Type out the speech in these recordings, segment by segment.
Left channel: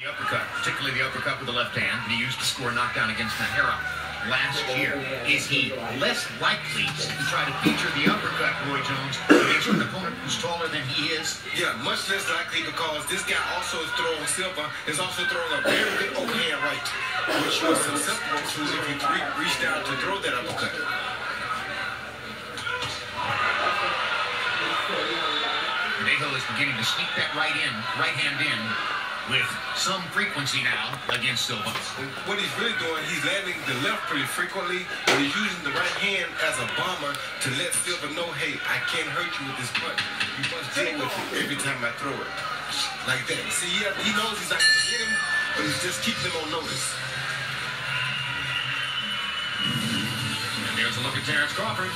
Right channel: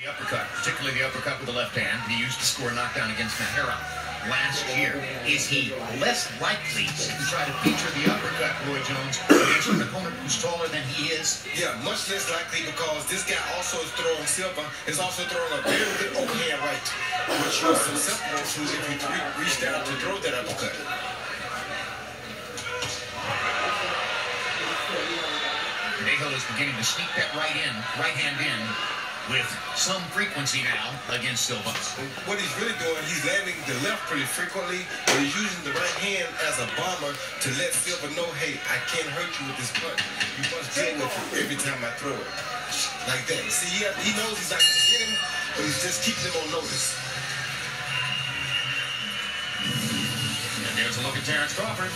The uppercut, particularly the uppercut with the left hand, he used to score a knockdown against Nahara last year. Is he less likely to try to feature the uppercut, Roy Jones, against an opponent who's taller than he is? Yeah, much less likely because this guy also is throwing Silva, is also throwing a very good overhand right, which was susceptible to if you reach down to throw that uppercut. Verdejo is beginning to sneak that right hand in with some frequency now against Silva. What he's really doing, he's landing the left pretty frequently, but he's using the right hand as a bomber to let Silva know, hey, I can't hurt you with this punch. You must deal with it every time I throw it. Like that. See, he knows he's not going to hit him, but he's just keeping him on notice. And there's a look at Terrence Crawford.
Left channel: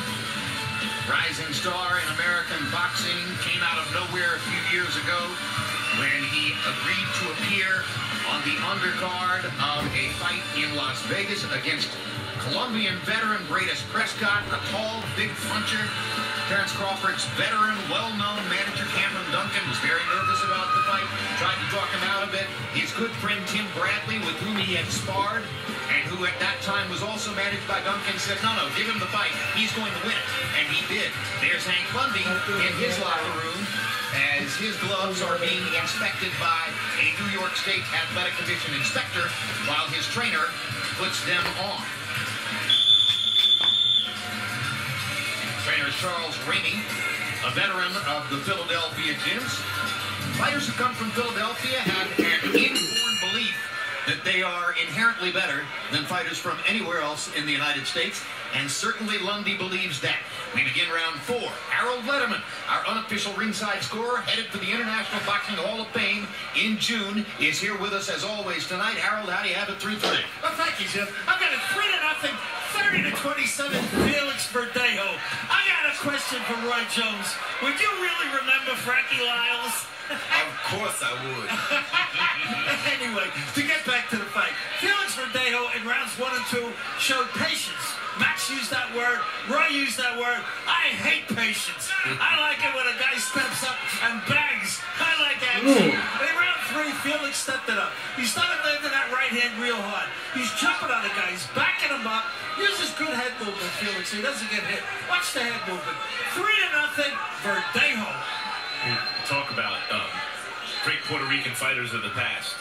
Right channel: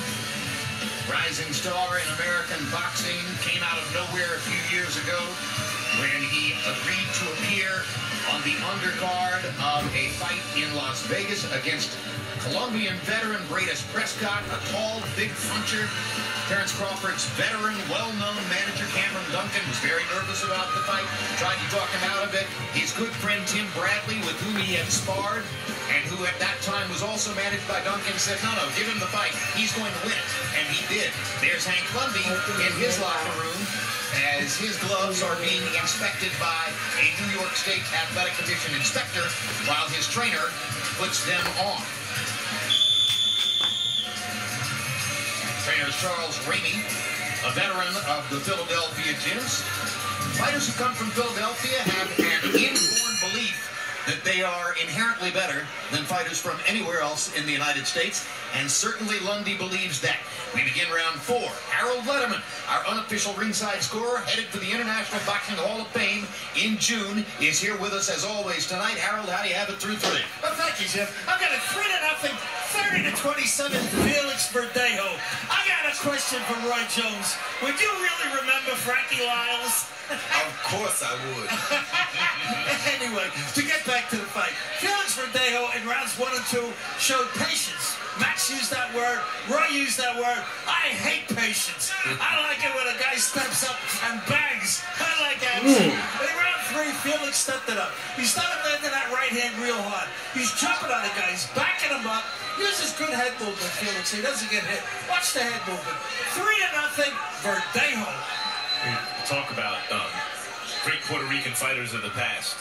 Rising star in American boxing, came out of nowhere a few years ago when he agreed to appear on the undercard of a fight in Las Vegas against Colombian veteran Bratis Prescott, a tall, big puncher. Terrence Crawford's veteran, well-known manager Cameron Duncan was very nervous about the fight, tried to talk him out of it. His good friend Tim Bradley, with whom he had sparred, and who at that time was also managed by Duncan, said, no, give him the fight. He's going to win it. And he did. There's Hank Lundy in his locker room as his gloves are being inspected by a New York State Athletic Commission inspector while his trainer puts them on. Trainer is Charles Ramey, a veteran of the Philadelphia gyms. Fighters who come from Philadelphia have an inborn belief that they are inherently better than fighters from anywhere else in the United States, and certainly Lundy believes that. We begin round 4. Harold Letterman, our unofficial ringside scorer, headed for the International Boxing Hall of Fame in June, is here with us as always tonight. Harold, how do you have it through 3? Well, thank you, Jim. I've got a 3-0, 30-27 Felix Verdejo. I got a question for Roy Jones. Would you really remember Frankie Lyles? Of course I would. Anyway, to get back to the fight, Felix Verdejo in rounds 1 and 2 showed patience. Max used that word. Roy used that word. I hate patience. I like it when a guy steps up and bangs. I like action. In round 3, Felix stepped it up. He started landing that right hand real hard. He's jumping on the guy. He's backing him up. Uses good head movement, Felix. He doesn't get hit. Watch the head movement. 3-0, Verdejo. Talk about great Puerto Rican fighters of the past.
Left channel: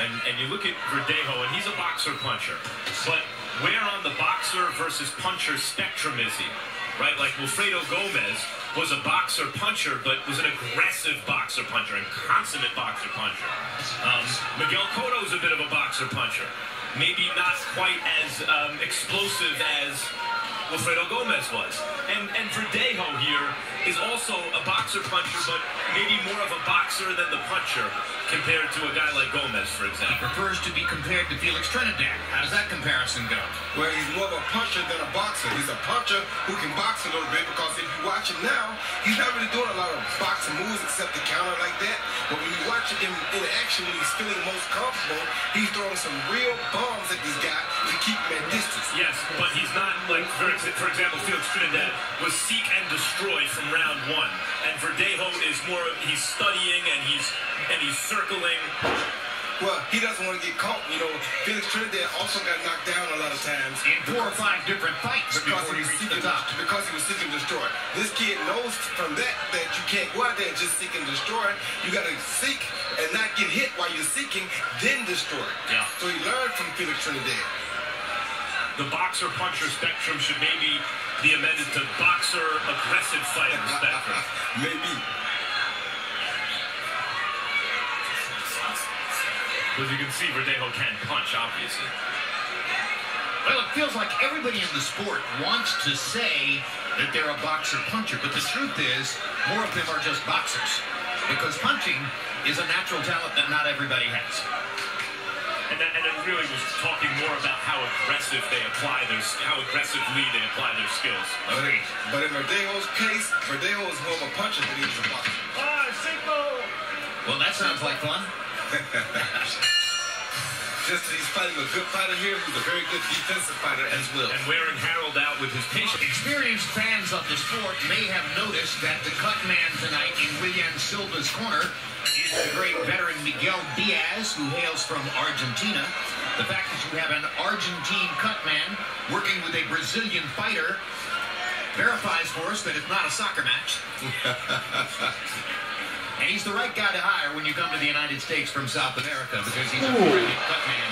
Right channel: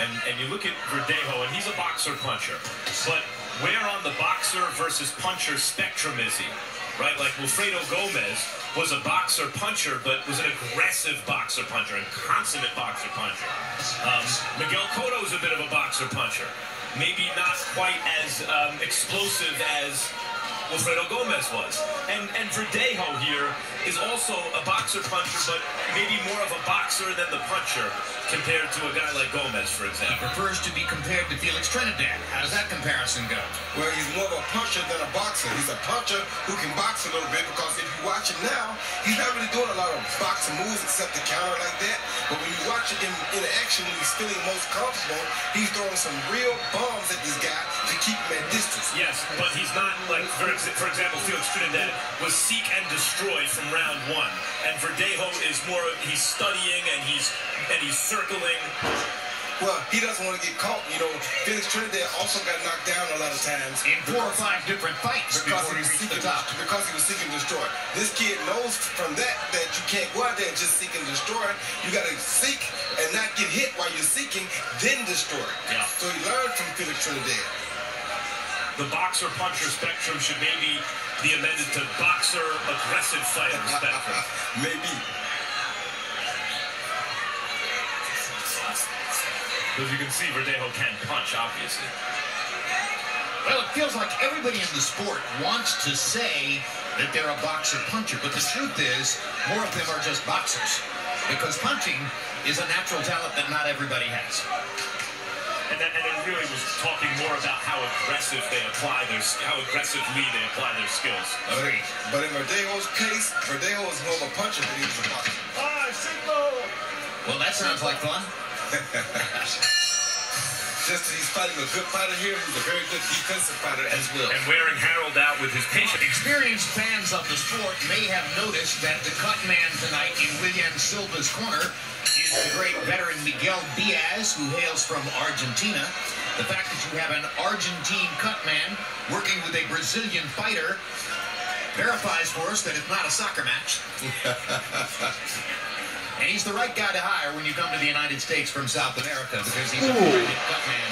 And you look at Verdejo, and he's a boxer-puncher. But where on the boxer versus puncher spectrum is he? Right? Like Wilfredo Gomez was a boxer-puncher, but was an aggressive boxer-puncher and consummate boxer-puncher. Miguel Cotto's a bit of a boxer-puncher. Maybe not quite as explosive as Wilfredo Gomez was. And Verdejo here is also a boxer-puncher, but maybe more of a boxer than the puncher compared to a guy like Gomez, for example. He prefers to be compared to Felix Trinidad. How does that comparison go? Well, he's more of a puncher than a boxer. He's a puncher who can box a little bit, because if you watch him now, he's not really doing a lot of boxing moves except the counter like that. But when you watch him in action, when he's feeling most comfortable, he's throwing some real bombs at this guy to keep him at distance. Yes, but he's not like, for example, Felix Trinidad was seek and destroy from round 1. And Verdejo is more, he's studying and he's circling. Well, he doesn't want to get caught. You know, Felix Trinidad also got knocked down a lot of times. In 4 or 5 different fights before he reached the top. Because he was seeking to destroy. This kid knows from that you can't go out there and just seek and destroy. You got to seek and not get hit while you're seeking, then destroy. Yeah. So he learned from Felix Trinidad. The boxer-puncher spectrum should maybe be amended to boxer-aggressive fighter spectrum. Maybe. Because you can see Verdejo can punch, obviously. Well, it feels like everybody in the sport wants to say that they're a boxer-puncher, but the truth is, more of them are just boxers. Because punching is a natural talent that not everybody has. And it really was talking more about how aggressive they apply how aggressively they apply their skills. But in Verdejo's case, Verdejo is more of a puncher than he is a boxer. Well, that sounds like fun. just as he's fighting a good fighter here, he's a very good defensive fighter as well. And wearing Harold out with his patience. Experienced fans of the sport may have noticed that the cut man tonight in William Silva's corner is the great veteran Miguel Diaz, who hails from Argentina. The fact that you have an Argentine cut man working with a Brazilian fighter verifies for us that it's not a soccer match. And he's the right guy to hire when you come to the United States from South America, because he's a brilliant cut man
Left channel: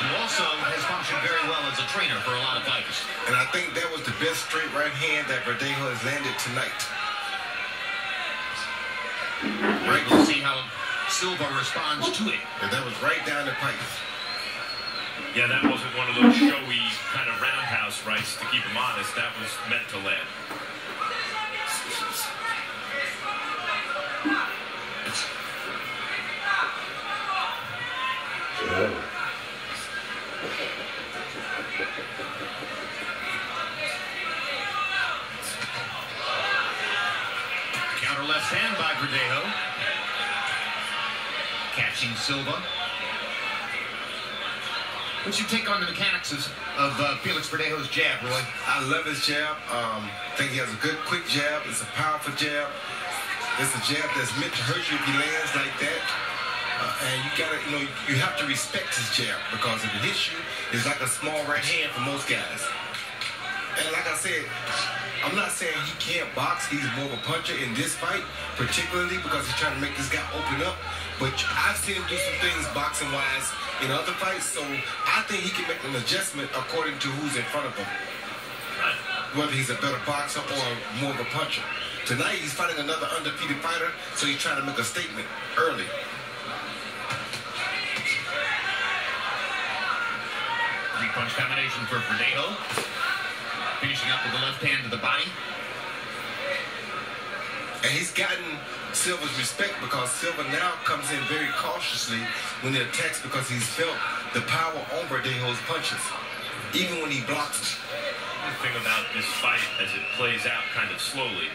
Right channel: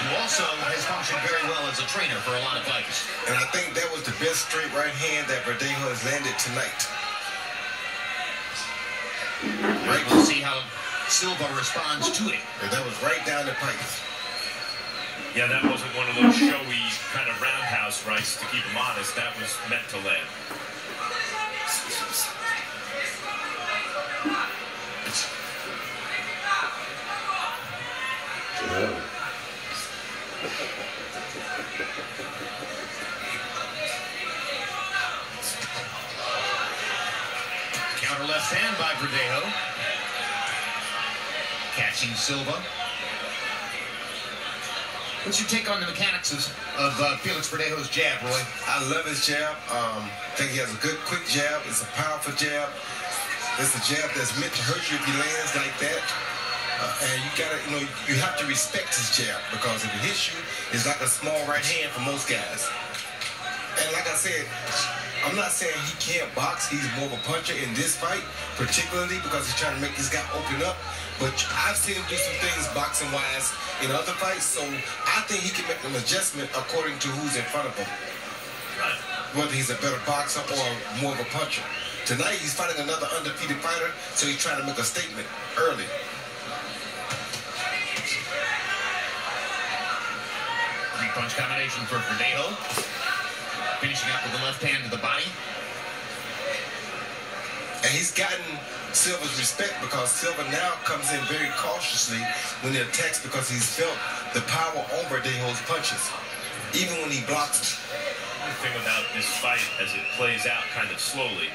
who also has functioned very well as a trainer for a lot of fighters. And I think that was the best straight right hand that Verdejo has landed tonight. Right, we'll see how Silva responds to it. And that was right down the pipe. Yeah, that wasn't one of those showy kind of roundhouse rights to keep him honest. That was meant to land. Counter left hand by Verdejo. Catching Silva. What's your take on the mechanics of Felix Verdejo's jab, Roy? I love his jab. I think he has a good, quick jab. It's a powerful jab. It's a jab that's meant to hurt you if he lands like that. And you gotta, you have to respect his jab, because if it hits you, it's like a small right hand for most guys. And like I said, I'm not saying he can't box. He's more of a puncher in this fight, particularly because he's trying to make this guy open up. But I've seen him do some things boxing-wise in other fights, so I think he can make an adjustment according to who's in front of him. Whether he's a better boxer or more of a puncher. Tonight, he's fighting another undefeated fighter, so he's trying to make a statement early. Three-punch combination for Verdejo. Finishing up with the left hand to the body. And he's gotten Silva's respect, because Silva now comes in very cautiously when he attacks, because he's felt the power on Verdejo's punches, even when he blocks them. The thing about this fight, as it plays out kind of slowly,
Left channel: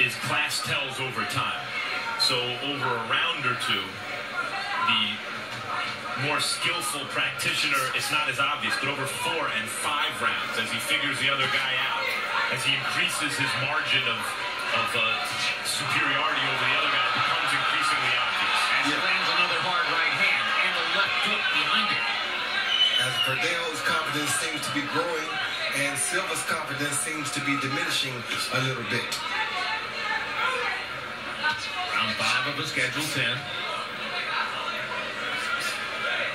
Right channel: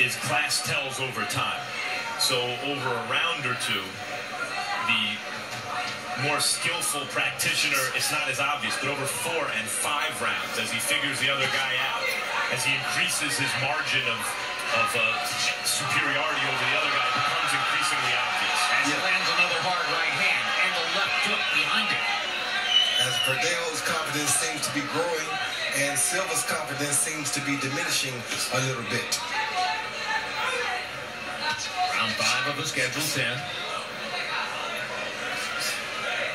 is class tells over time. So over a round or two, the more skillful practitioner, it's not as obvious, but over 4 and 5 rounds, as he figures the other guy out, as he increases his margin of superiority over the other guy, it becomes increasingly obvious. As he lands another hard right hand and a left hook behind it. As Verdejo's confidence seems to be growing, and Silva's confidence seems to be diminishing a little bit. Round 5 of the scheduled 10.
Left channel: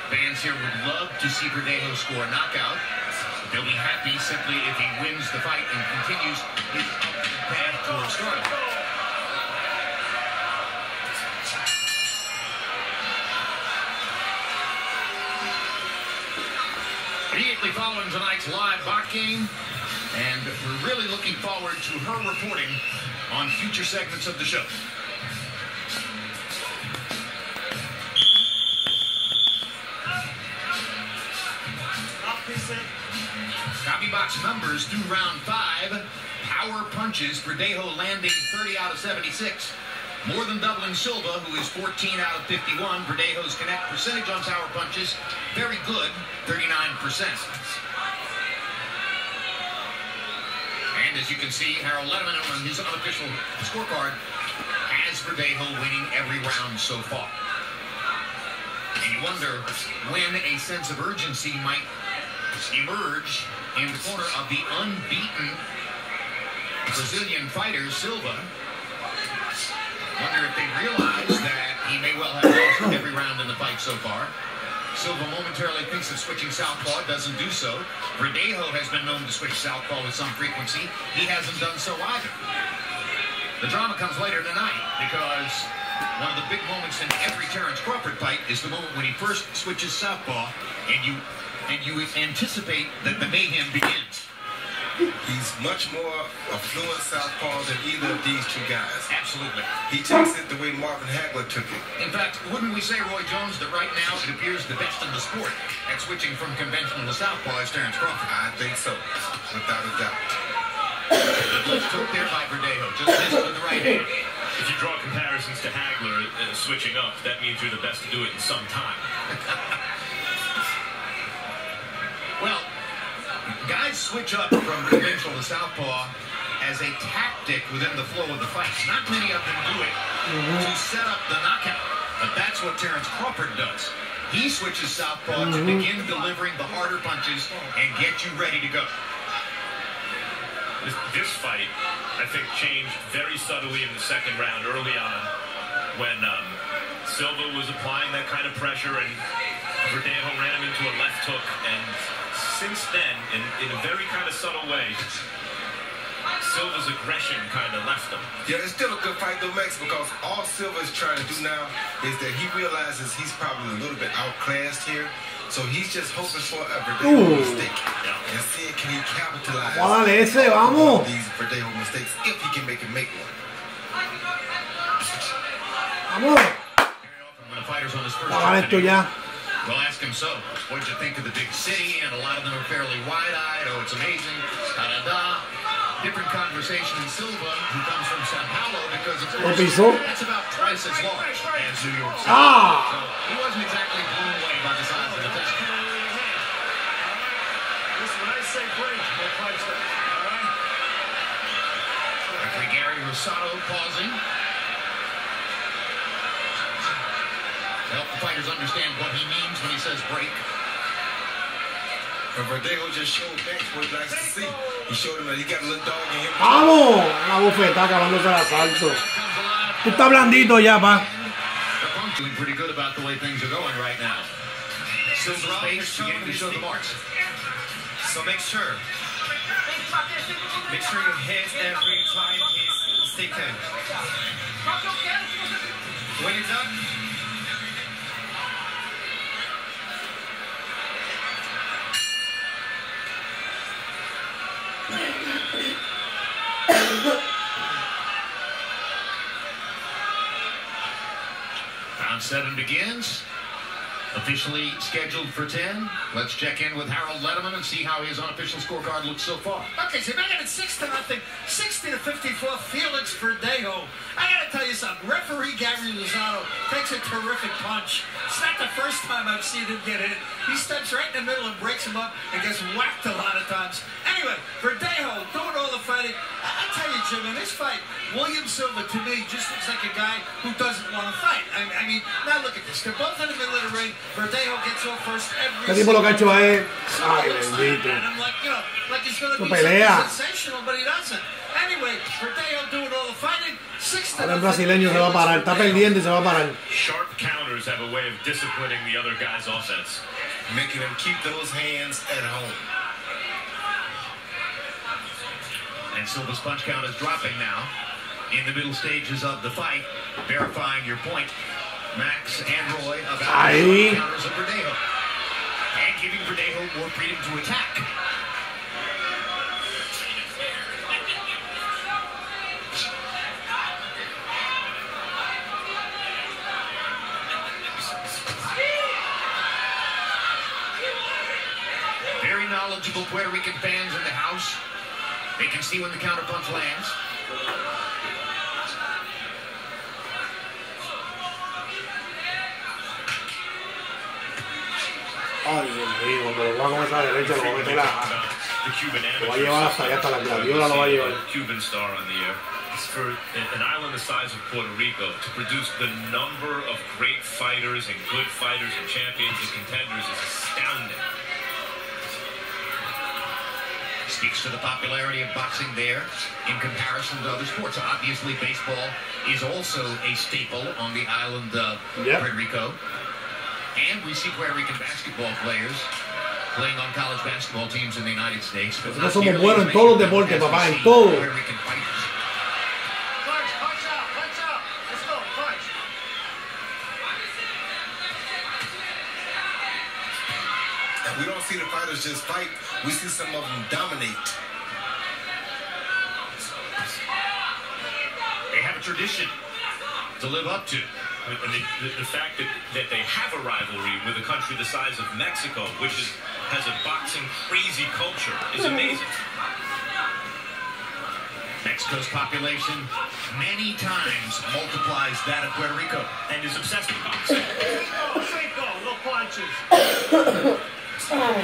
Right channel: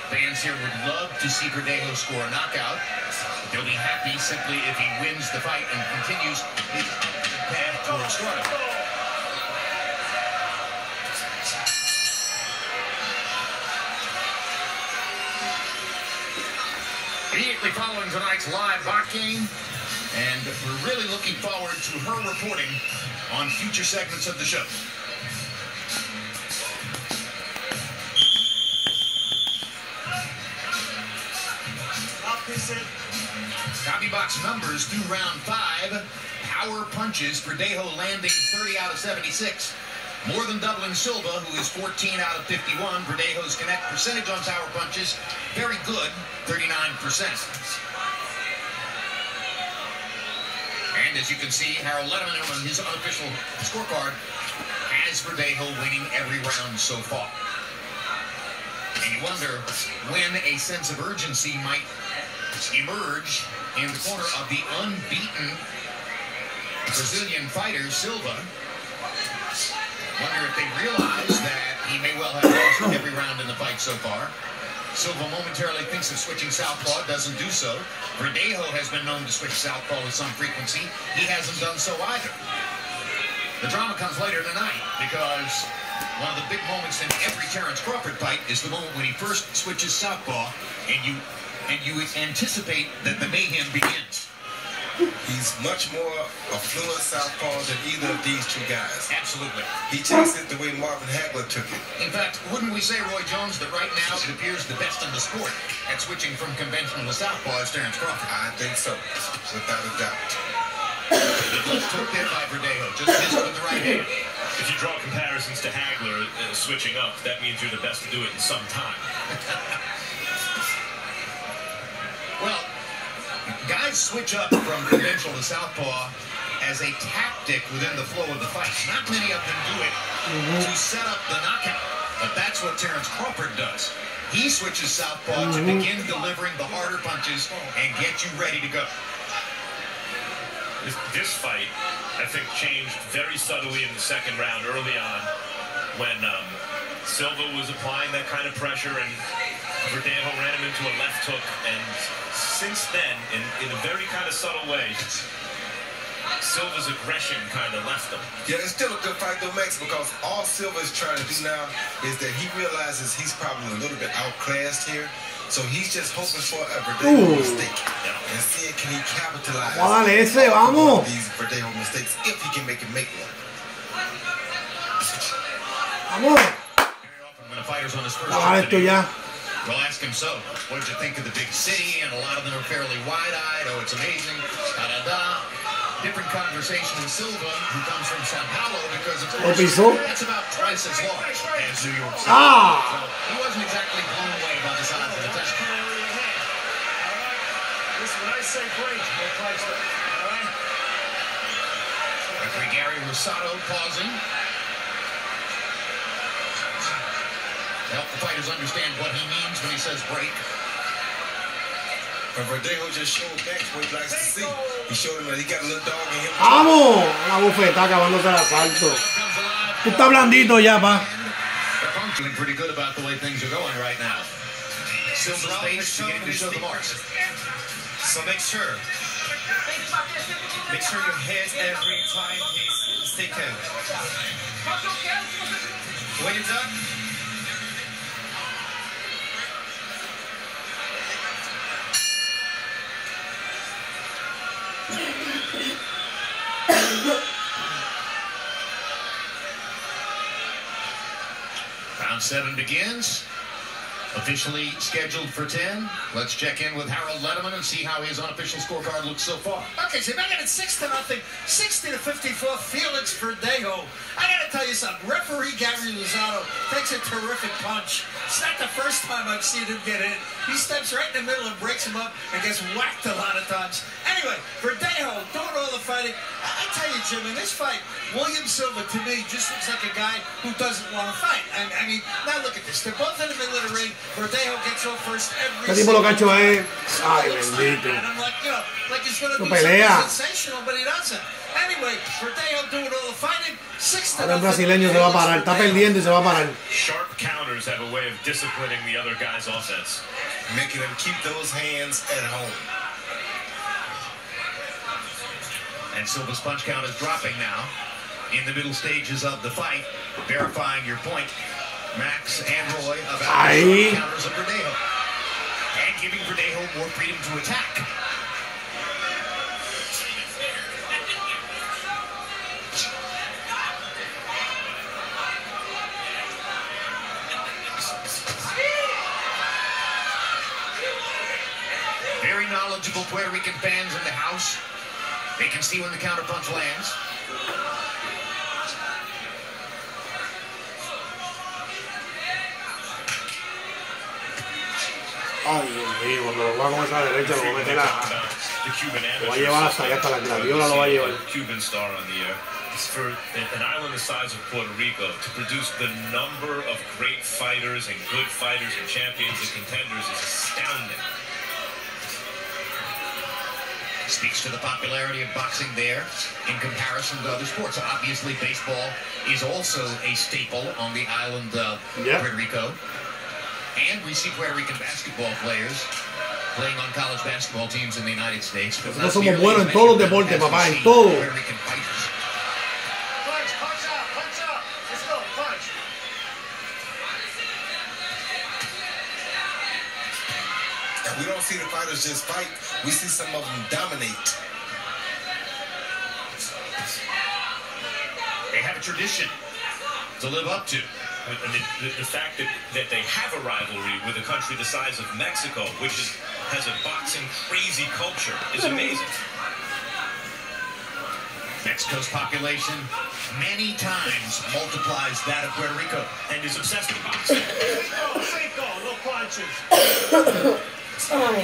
Fans here would love to see Verdejo score a knockout. They'll be happy simply if he wins the fight and continues his path towards stardom. Immediately following tonight's live boxing, and we're really looking forward to her reporting on future segments of the show. Copy box numbers through round 5. Power punches, Verdejo landing 30 out of 76. More than doubling Silva, who is 14 out of 51. Verdejo's connect percentage on power punches, very good, 39%. And as you can see, Harold Letterman on his unofficial scorecard has Verdejo winning every round so far. And you wonder when a sense of urgency might emerge in the corner of the unbeaten Brazilian fighter, Silva. Wonder if they realize that he may well have lost every round in the fight so far. Silva momentarily thinks of switching southpaw, doesn't do so. Verdejo has been known to switch southpaw with some frequency. He hasn't done so either. The drama comes later tonight, because one of the big moments in every Terrence Crawford fight is the moment when he first switches southpaw, and you anticipate that the mayhem begins. He's much more a fluent southpaw than either of these two guys. Absolutely. He takes it the way Marvin Hagler took it. In fact, wouldn't we say, Roy Jones, that right now it appears the best in the sport at switching from conventional to southpaw is Terrence Crawford? I think so, without a doubt. Let's hook there by Verdejo, just missed with the right hand. If you draw comparisons to Hagler switching up, that means you're the best to do it in some time. switch up from conventional to southpaw as a tactic within the flow of the fight. Not many of them do it to set up the knockout, but that's what Terrence Crawford does. He switches southpaw to begin delivering the harder punches and get you ready to go. This fight, I think, changed very subtly in the second round early on when Silva was applying that kind of pressure and Verdejo ran him into a left hook. And since then, in a very kind of subtle way, Silva's aggression kind of left him. Yeah, it's still a good fight though, Max, because all Silva is trying to do now is that he realizes he's probably a little bit outclassed here. So he's just hoping for a Verdejo mistake and seeing can he capitalize on these Verdejo mistakes if he can make one. Very often when a fighter's on his first trip to New York, we'll ask him, so, what did you think of the big city? And a lot of them are fairly wide-eyed. Oh, it's amazing. Da-da-da. Different conversation in Silva, who comes from Sao Paulo, because of course, that's about twice as large as New York City. So he wasn't exactly blown away by the size of the town. Listen, when I say break, no price up. All right? Referee Gary Rosado pausing. To help the fighters understand what he means when he says break. But Verdejo just showed Max what he likes to see. He showed him that he got a little dog in him. ¡Vamos! La bufeta acabándose el asalto. Tú estás blandito ya, pa. Feeling pretty good about the way things are going right now. Silva's face beginning to show the marks. So make sure you hit every time he's sticking. When you're done, Round 7 begins. Officially scheduled for 10. Let's check in with Harold Letterman and see how his unofficial scorecard looks so far. Okay, so back at 6-0, 60-54, Felix Verdejo. I gotta tell you something. Referee Gary Rosado takes a terrific punch. It's not the first time I've seen him get hit. He steps right in the middle and breaks him up and gets whacked a lot of times. Anyway, Verdejo doing all the fighting. I tell you, Jim, in this fight, William Silva, to me, just looks like a guy who doesn't want to fight. I mean, now look at this. They're both in the middle of the ring. Verdejo gets off first every Lo que ha hecho es... Ay, bendito. and I'm like, you know, like he's going to be something sensational, but he doesn't. Anyway, Verdejo doing all the fighting. 6-0. Ahora el brasileño se va a parar. Está perdiendo y se va a parar. Sharp counters have a way of disciplining the other guy's offense. Making him keep those hands at home. And Silva's punch count is dropping now in the middle stages of the fight. Verifying your point, Max and Roy, about the counters of Verdejo. And giving Verdejo more freedom to attack. Very knowledgeable Puerto Rican fans in the house. They can see when the counterpunch lands. Ay, Dios mío, cuando lo va con esa derecha lo va a meter The Cuban lo va a llevar hasta allá, hasta la gladiola lo va a llevar. Cuban star on the air. For an island the size of Puerto Rico to produce the number of great fighters and good fighters and champions and contenders is astounding. Speaks to the popularity of boxing there in comparison to other sports. Obviously, baseball is also a staple on the island of Puerto Rico. And we see Puerto Rican basketball players playing on college basketball teams in the United States. Nosotros somos buenos en todos los deportes, papá, en todo. Punch out, let's go, punch. And we don't see the fighters just fight. We see some of them dominate. They have a tradition to live up to. And the fact that they have a rivalry with a country the size of Mexico, which has a boxing crazy culture, is amazing. Mexico's population many times multiplies that of Puerto Rico and is obsessed with boxing. No punches. No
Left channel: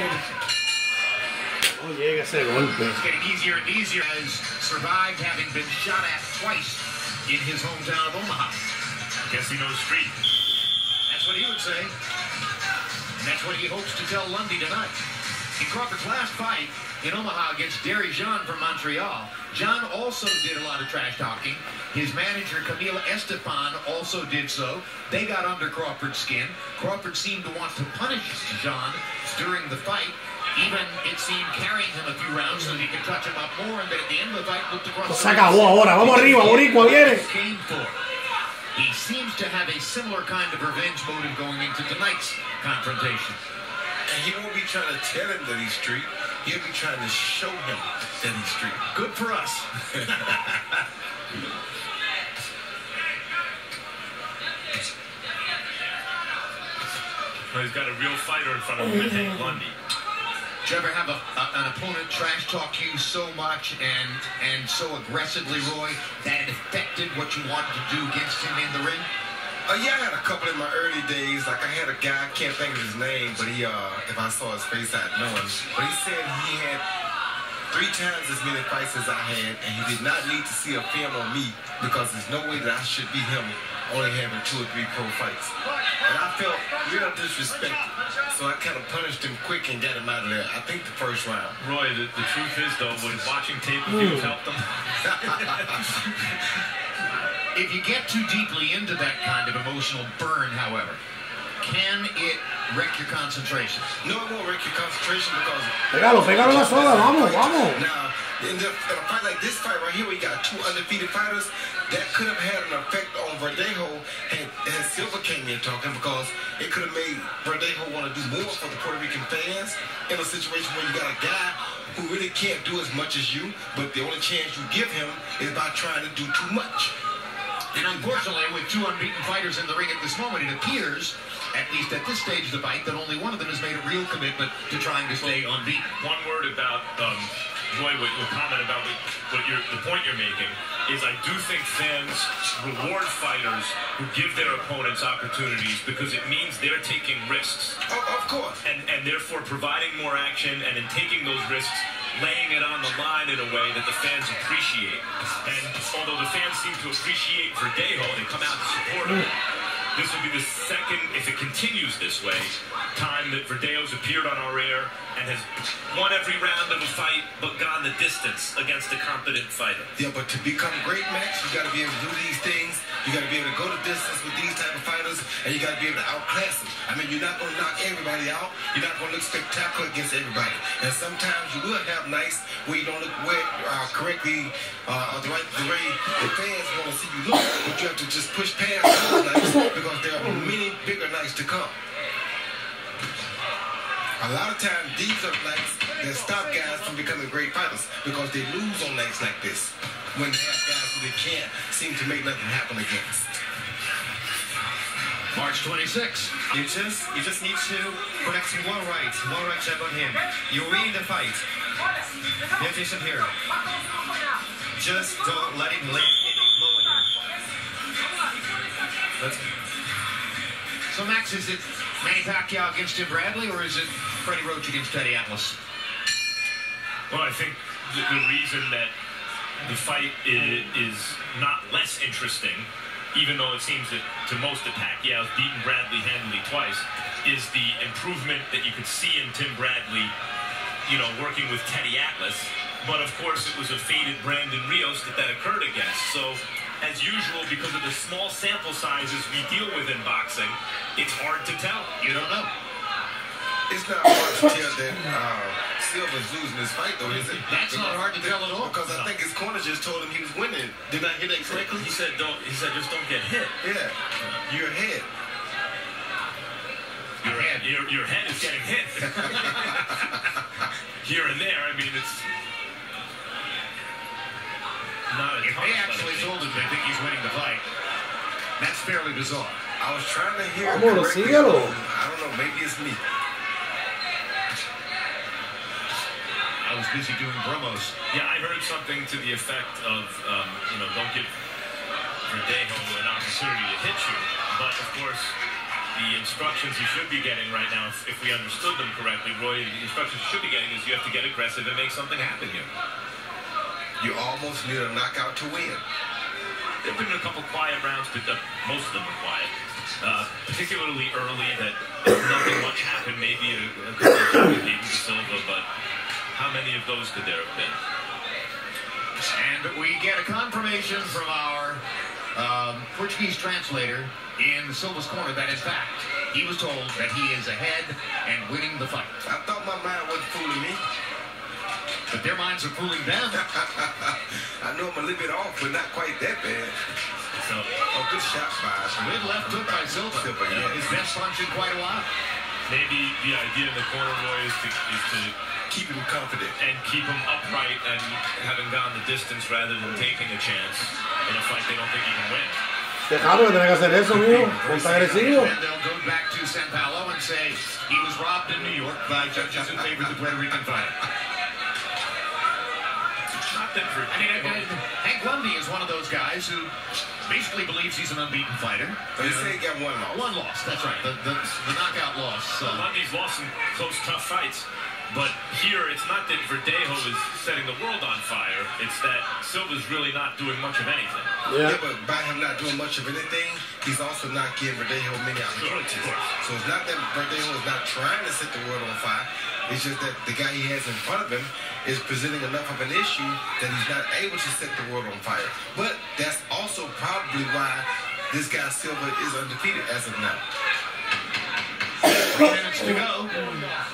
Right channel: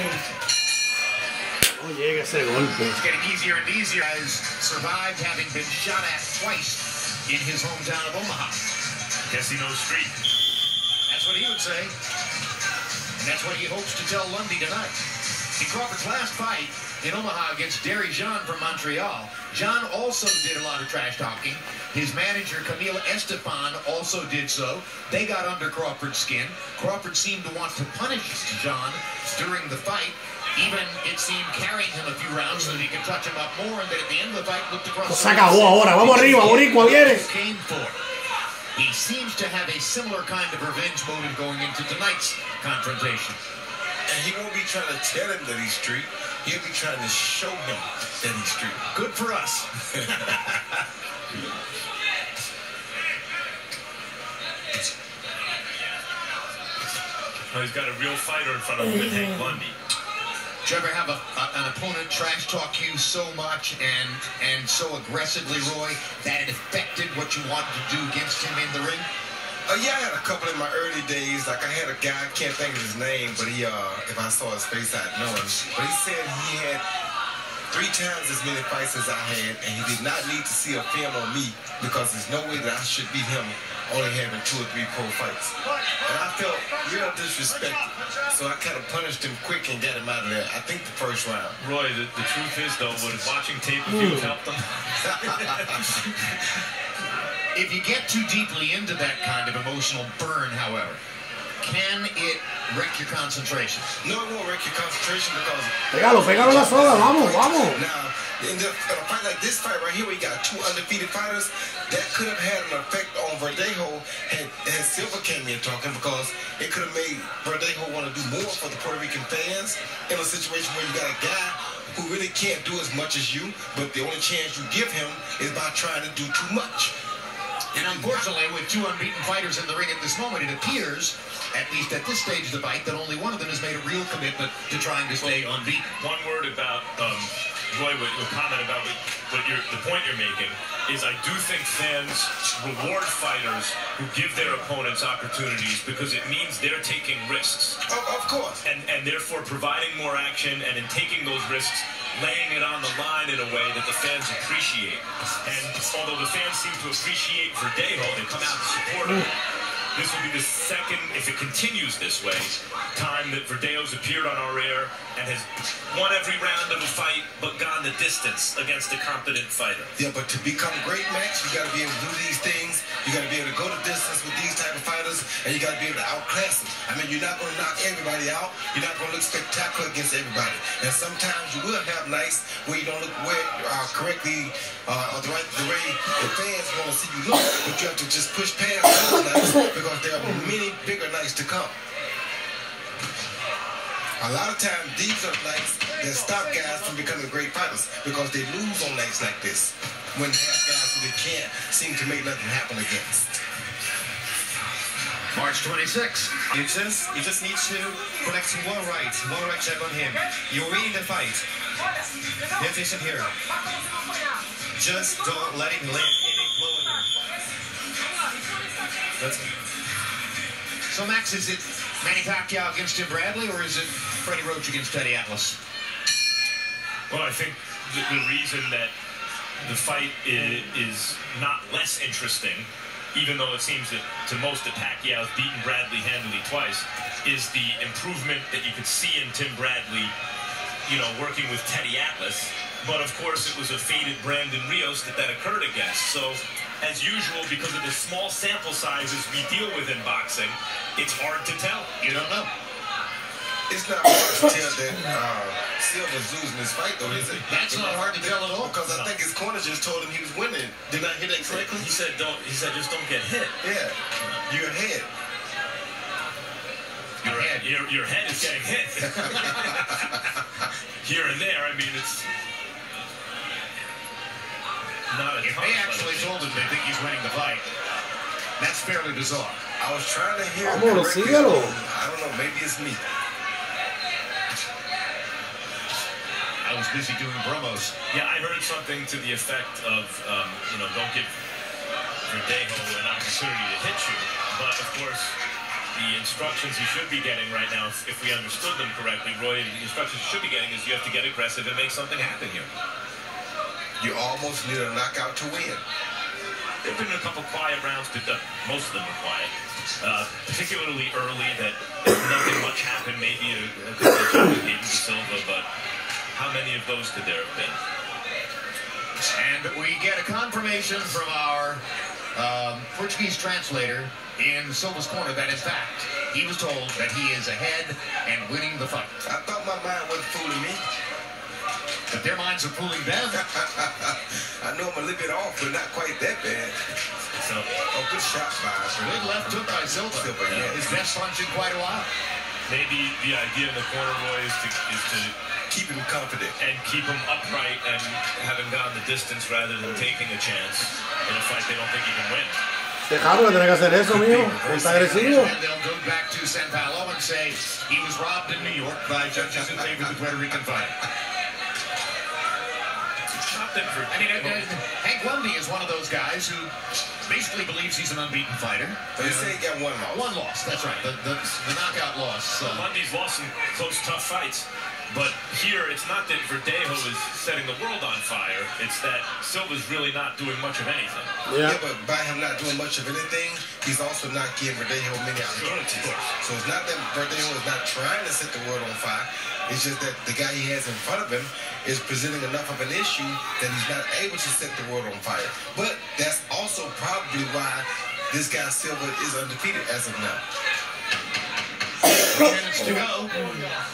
llega Ese golpe. It's getting easier and easier. Has survived having been shot at twice in his hometown of Omaha. Guess he knows street. That's what he would say. And that's what he hopes to tell Lundy tonight. In Crawford's last fight in Omaha against Derry Jean from Montreal, John also did a lot of trash talking. His manager, Camille Estefan, also did so. They got under Crawford's skin. Crawford seemed to want to punish Jean during the fight. Even, it seemed, carrying him a few rounds so that he could touch him up more, and then at the end of the fight looked across Se acabó ahora. Vamos arriba, Boricua, viene. Came for. He seems to have a similar kind of revenge motive going into tonight's confrontation. And he won't be trying to tell him that he's street. He'll be trying to show him that he's street. Good for us. Well, he's got a real fighter in front of him, Hank Lundy. Did you ever have an opponent trash talk you so much and so aggressively, Roy, that it affected what you wanted to do against him in the ring? Yeah, I had a couple in my early days. Like I had a guy, I can't think of his name, but he, if I saw his face, I'd know him. But he said he had 3 times as many fights as I had, and he did not need to see a film on me because there's no way that I should beat him only having 2 or 3 pro fights. And I felt real disrespected. So I kind of punished him quick and got him out of there. I think the first round. Roy, the truth is, though, would watching tape of you have helped him? If you get too deeply into that kind of emotional burn, however, can it wreck your concentration? No, it won't wreck your concentration because... Pégalo, pégalo la soga, vamos, vamos. Now, in a fight like this fight right here, where you got 2 undefeated fighters, that could have had an effect on Verdejo had Silva came in talking, because it could have made Verdejo want to do more for the Puerto Rican fans in a situation where you got a guy who really can't do as much as you, but the only chance you give him is by trying to do too much. And unfortunately, with 2 unbeaten fighters in the ring at this moment, it appears, at least at this stage of the fight, that only one of them has made a real commitment to trying to stay unbeaten. One word about Roy, what comment about the point you're making is I do think fans reward fighters who give their opponents opportunities because it means they're taking risks. Of course. And therefore providing more action, and in taking those risks, laying it on the line in a way that the fans appreciate. And although the fans seem to appreciate Verdejo, they come out to support him. This will be the second, if it continues this way, time that Verdejo's appeared on our air and has won every round of a fight but gone the distance against a competent fighter. Yeah, but to become great, Max, you got to be able to do these things. You got to be able to go the distance with these type of fighters, and you got to be able to outclass them. I mean, you're not going to knock everybody out. You're not going to look spectacular against everybody. And sometimes you will have nights where you don't look correctly or the way the fans want to see you look, but you have to just push past those nights because there are many bigger nights to come. A lot of times, these are nights that stop guys from becoming great fighters because they lose on nights like this when they have guys who they can't seem to make nothing happen against. March 26. You just need to connect one right jab on him. You're winning the fight. Pay attention here. Just don't let him land any blow on you. So, Max, is it Manny Pacquiao against Tim Bradley, or is it Freddie Roach against Teddy Atlas? Well, I think the reason that the fight is not less interesting, even though it seems that to most that Pacquiao's beaten Bradley handily twice, is the improvement that you could see in Tim Bradley, you know, working with Teddy Atlas. But of course, it was a faded Brandon Rios that occurred against. So, as usual, because of the small sample sizes we deal with in boxing, it's hard to tell. You don't know. It's not hard to tell that Silva's losing this fight, though, is it? That's not hard to tell at all. Because I think his corner just told him he was winning. Did I hear that correctly? He said just don't get hit. Yeah, you're ahead. Your head is getting hit. Here and there, I mean, it's not a If they actually told him they think he's winning the fight, that's fairly bizarre. I was trying to hear it Vamos, correctly. síguelo. I don't know, maybe it's me. I was busy doing promos. Yeah, I heard something to the effect of, don't give Verdejo an opportunity to hit you. But, of course, the instructions he should be getting right now, if we understood them correctly, Roy, the instructions he should be getting is you have to get aggressive and make something happen here. You almost need a knockout to win. There have been a couple quiet rounds, but most of them were quiet. Particularly early, that nothing much happened, maybe a couple of jumps beaten to Silva, but how many of those could there have been? And we get a confirmation from our Portuguese translator in Silva's corner that, in fact, he was told that he is ahead and winning the fight. I thought my mind wasn't fooling me. But their minds are fooling them. I know I'm a little bit off, but not quite that bad. So, good shot by good left hook by Silva. Yeah. His best punch in quite a while. Maybe the idea in the corner, Roy, is to keep him confident and keep him upright and having gone the distance rather than taking a chance in a fight they don't think he can win. Tejado, tiene que hacer eso, mijo. Está agresivo. And they'll go back to San Paulo and say he was robbed in New York by judges who favored the Puerto Rican fighter. I mean, Hank Lundy is one of those guys who basically believes he's an unbeaten fighter. But he said he got one loss. One loss, that's right. The knockout loss. Lundy's lost some close, tough fights. But here, it's not that Verdejo is setting the world on fire. It's that Silva's really not doing much of anything. Yeah, but by him not doing much of anything, he's also not giving Verdejo many opportunities. Sure, so it's not that Verdejo is not trying to set the world on fire. It's just that the guy he has in front of him is presenting enough of an issue that he's not able to set the world on fire. But that's also probably why this guy Silva is undefeated as of now. 3 minutes to go.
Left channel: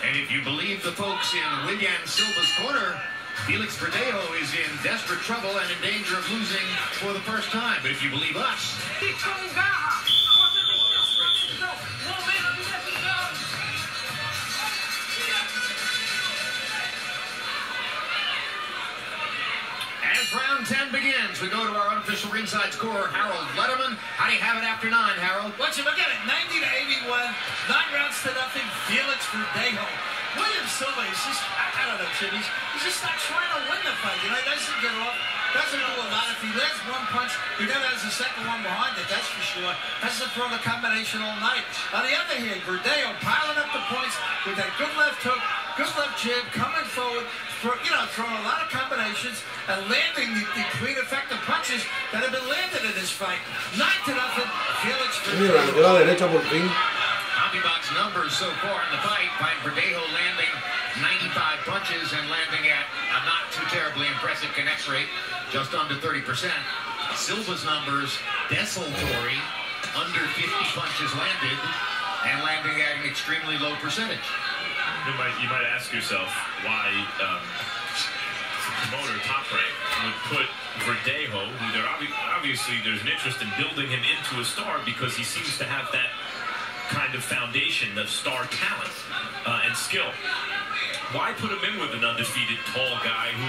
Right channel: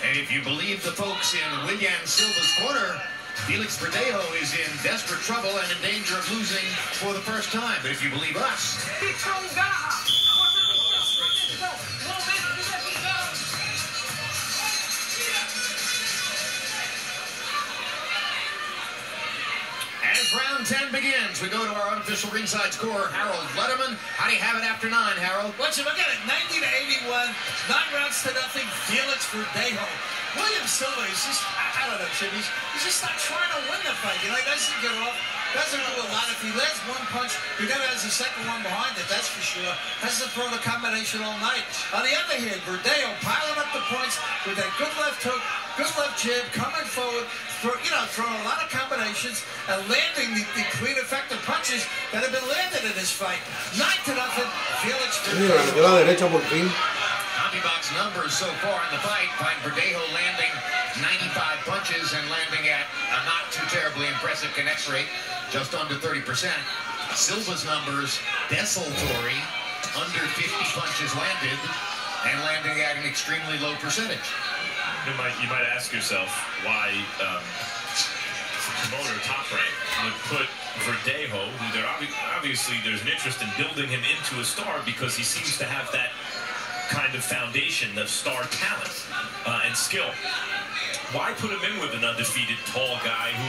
And if you believe the folks in William Silva's corner, Felix Verdejo is in desperate trouble and in danger of losing for the first time. But if you believe us... As round 10 begins, we go to our unofficial ringside scorer, Harold Letterman. How do you have it after 9, Harold? Once you look at it, 90-81, 9 rounds to nothing, Felix Verdejo. William Silva is just, I don't know, Chip, he's just not trying to win the fight. You know, he doesn't get off, doesn't do a lot. If he lands one punch, he never has a second one behind it, that's for sure. Hasn't thrown a combination all night. On the other hand, Verdejo piling up the points with that good left hook, good left jab, coming forward, throwing a lot of combinations and landing the clean, effective punches that have been landed in this fight. 9-0, Felix Verdejo. CompuBox numbers so far in the fight find Verdejo landing 95 punches and landing at a not too terribly impressive connect rate, just under 30%. Silva's numbers desultory, under 50 punches landed, and landing at an extremely low percentage. You might ask yourself why the promoter Top Rank would put Verdejo, who obviously there's an interest in building him into a star because he seems to have that kind of foundation of star talent and skill. Why put him in with an undefeated tall guy who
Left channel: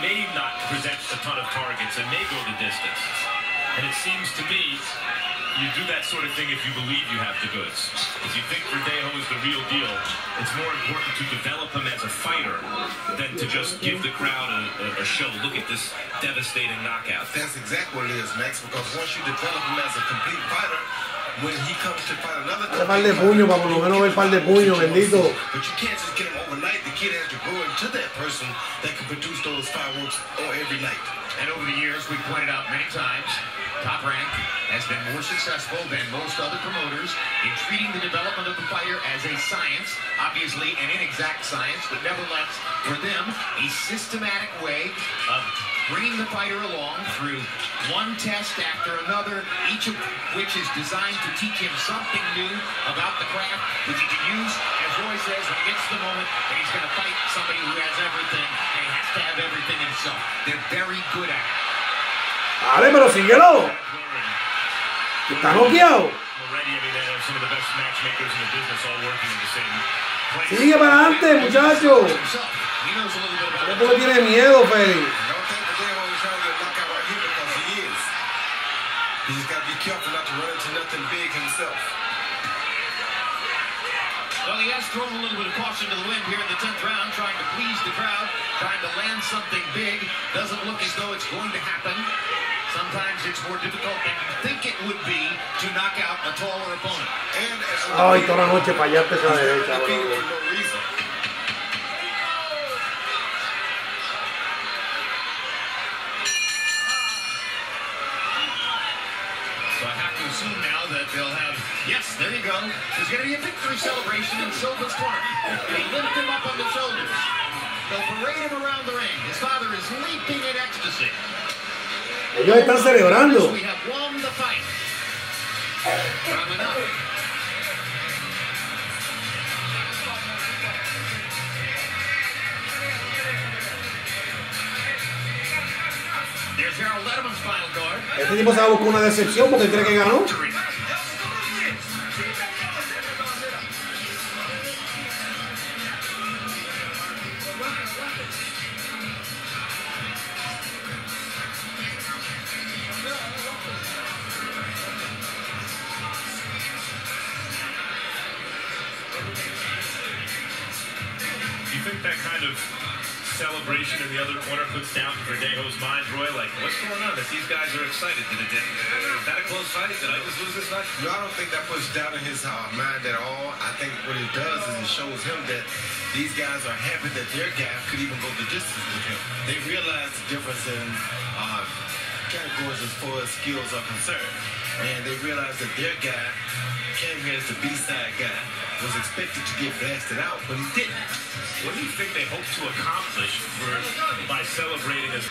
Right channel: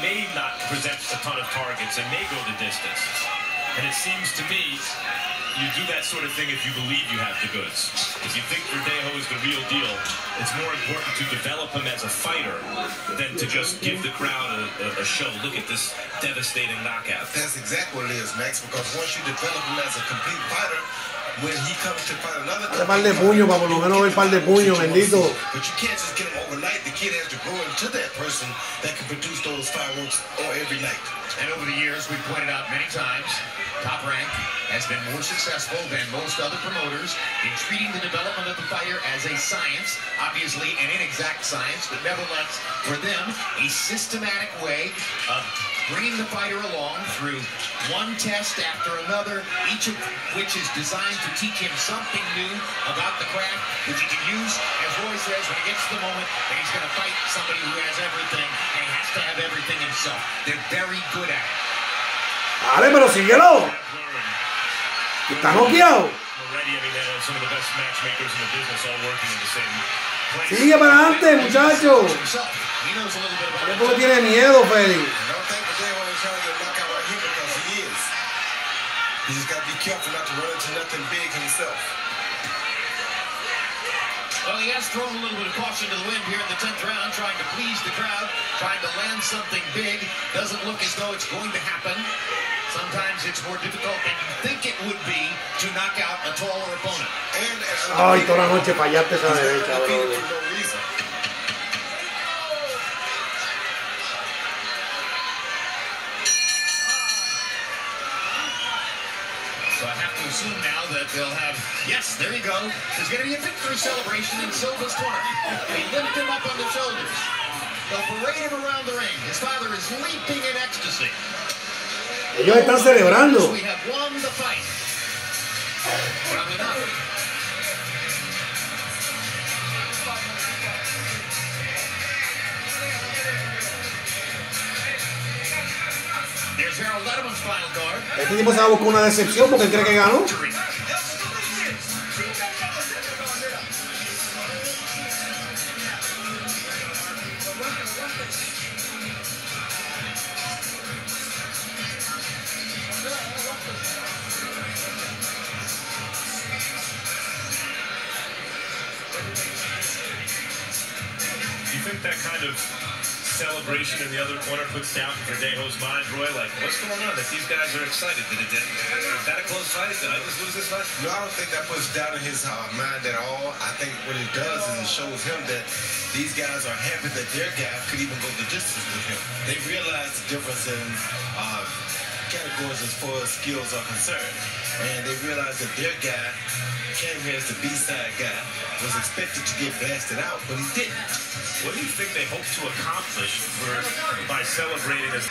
may not present a ton of targets and may go the distance? And it seems to me you do that sort of thing if you believe you have the goods. If you think Verdejo is the real deal, it's more important to develop him as a fighter than to just give the crowd a show. Look at this devastating knockout. That's exactly what it is, Max, because once you develop him as a complete fighter, when he comes to fight another par de puño, para por lo menos ver par de puño, bendito. But you can't just get him overnight. The kid has to grow into that person that can produce those fireworks on every night. And over the years, we've pointed out many times, Top Rank has been more successful than most other promoters in treating the development of the fighter as a science, obviously an inexact science, but nevertheless, for them, a systematic way of bringing the fighter along through one test after another, each of which is designed to teach him something new about the craft, which he can use, as Roy says, when he gets to the moment that he's going to fight somebody who has everything, and he has to have everything himself. They're very good at it. Dale, pero síguelo. Está noqueado. Already, I mean, they have some of the best matchmakers in the business all working in the same place. Sigue para adelante, muchacho. He knows a little bit about it. ¿Por qué tiene miedo, Feix? Don't think Verdejo is trying to get knocked out right here because he is. He just got to be careful not to run into nothing big himself. Well, he has thrown a little bit of caution to the wind here in the 10th round, trying to please the crowd, trying to land something big. Doesn't look as though it's going to happen. Sometimes it's more difficult than you think it would be to knock out a taller opponent. Ay, toda la noche fallaste esa derecha, bro. So I have to assume now that they'll have, yes, there you go. There's going to be a victory celebration in Silva's corner. They lift him up on the shoulders. They'll parade him around the ring. His father is leaping in ecstasy. Ellos están celebrando. We have won the fight. Probably not. There's Harold Letterman's final card. Este tipo se va a buscar una decepción porque cree que ganó. Do you think that kind of celebration in the other corner puts down Verdejo's mind, Roy? Like, what's going on? That these guys are excited. Is that a close fight? Did I just lose this fight? No, I don't think that puts doubt in his mind at all. I think what it does is it shows him that these guys are happy that their guy could even go the distance with him. They realize the difference in categories as far as skills are concerned. And they realize that their guy came here as the B-side guy, was expected to get blasted out, but he didn't. What do you think they hope to accomplish by celebrating this?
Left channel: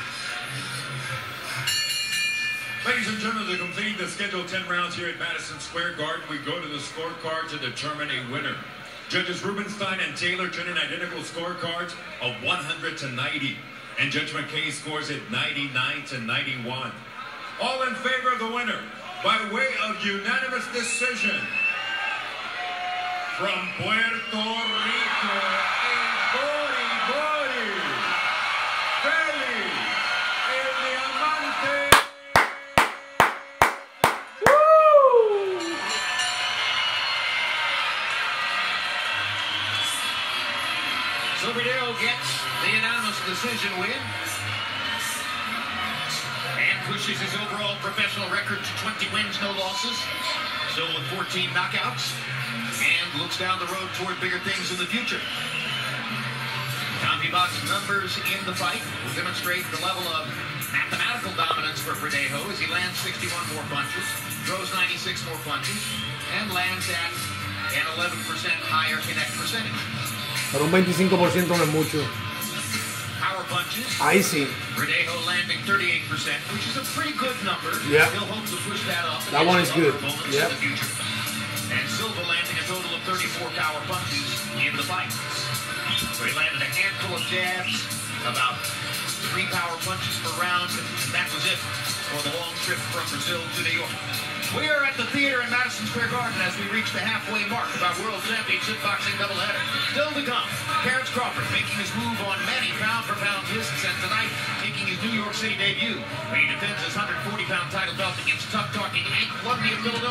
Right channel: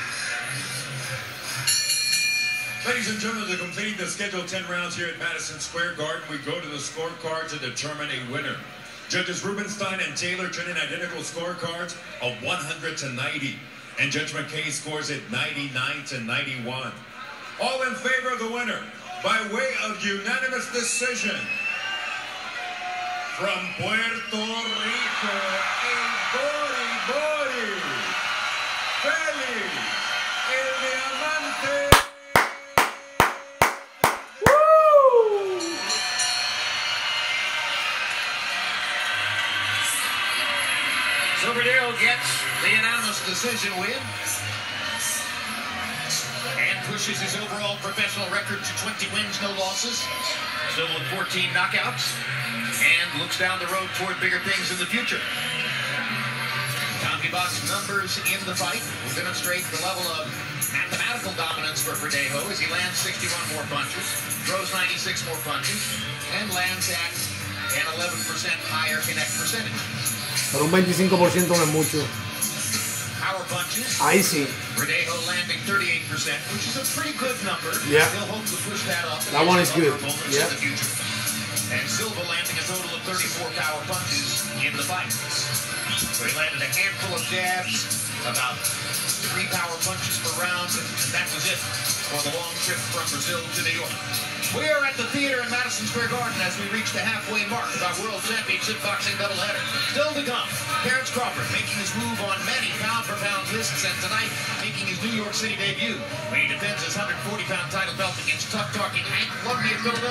Ladies and gentlemen, to complete the scheduled 10 rounds here at Madison Square Garden, we go to the scorecard to determine a winner. Judges Rubenstein and Taylor turn in identical scorecards of 100-90, and Judge McKay scores it 99-91. All in favor of the winner, by way of unanimous decision, from Puerto Rico, a body, Feix, el diamante. Woo! So Verdejo gets the unanimous decision win and pushes his overall professional record to 20 wins, no losses. Still with 14 knockouts, and looks down the road toward bigger things in the future. CompuBox numbers in the fight will demonstrate the level of mathematical dominance for Verdejo as he lands 61 more punches, throws 96 more punches, and lands at an 11% higher connect percentage. Pero un 25% no es mucho. Power punches. Ahí sí. Verdejo landing 38%, which is a pretty good number. Yeah. He'll hope to push that up. That one is good. Yeah. In the future. And Silva landing a total of 34 power punches in the fight. So he landed a handful of jabs, about 3 power punches per round, and that was it for the long trip from Brazil to New York. We are at the theater in Madison Square Garden as we reach the halfway mark of our World Championship boxing doubleheader. Still to come, Terrence Crawford making his move on many pound-for-pound lists, and tonight making his New York City debut when he defends his 140-pound title belt against tough-talking Hank Lundy of Philadelphia.